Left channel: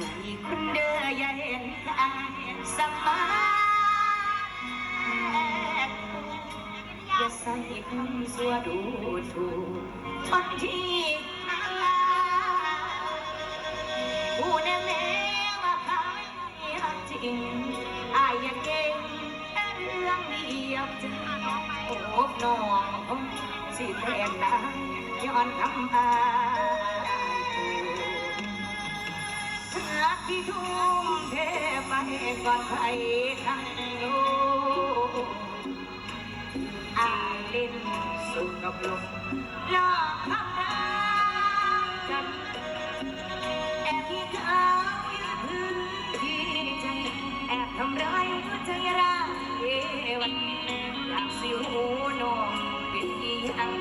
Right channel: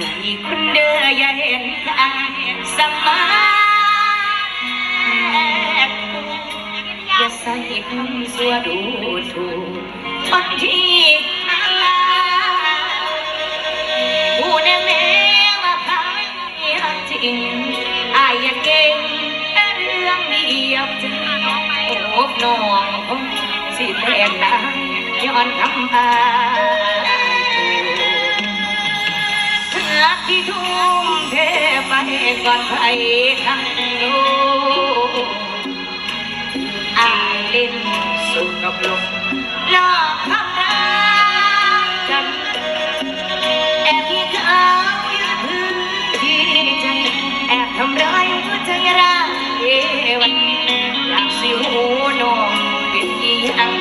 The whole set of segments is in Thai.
จุยคุณเด้อย่เห็นกันสมอย่ส่คำสวดูถูกคนทีบูนแมว่าพายจริงอาเก่งเรื่องเดียวจะโอบน้องสิแทนได้ย้อนคำา เพื่อที่ทุ่มเทไปก่อนใครทั้งโลกอายเล่นสุขกับลมหลอกทำร้ายกันแอบที่เขายืนพื้นที่ใจแอบทำร้ายหัวใจร้ายวันอยากสิหูน้องเป็นอีหยัง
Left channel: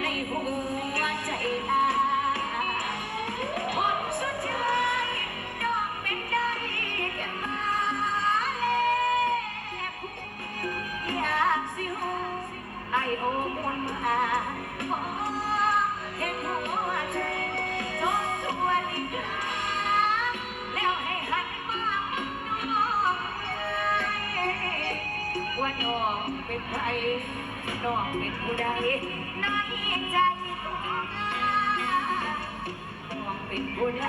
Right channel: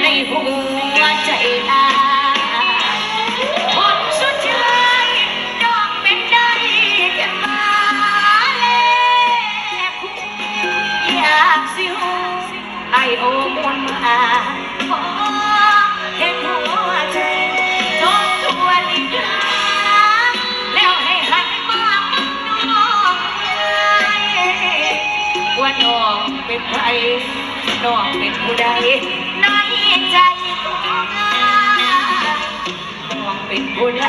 ในหัวใจ โอมวนมาขอเห็นหัวใจทบทวนอีกครั้งแล้วให้หันมามองน้องเลยว่าน้องเป็นใครน้องเป็นผู้ใดในใจของอาน้องเป็นผู้ใด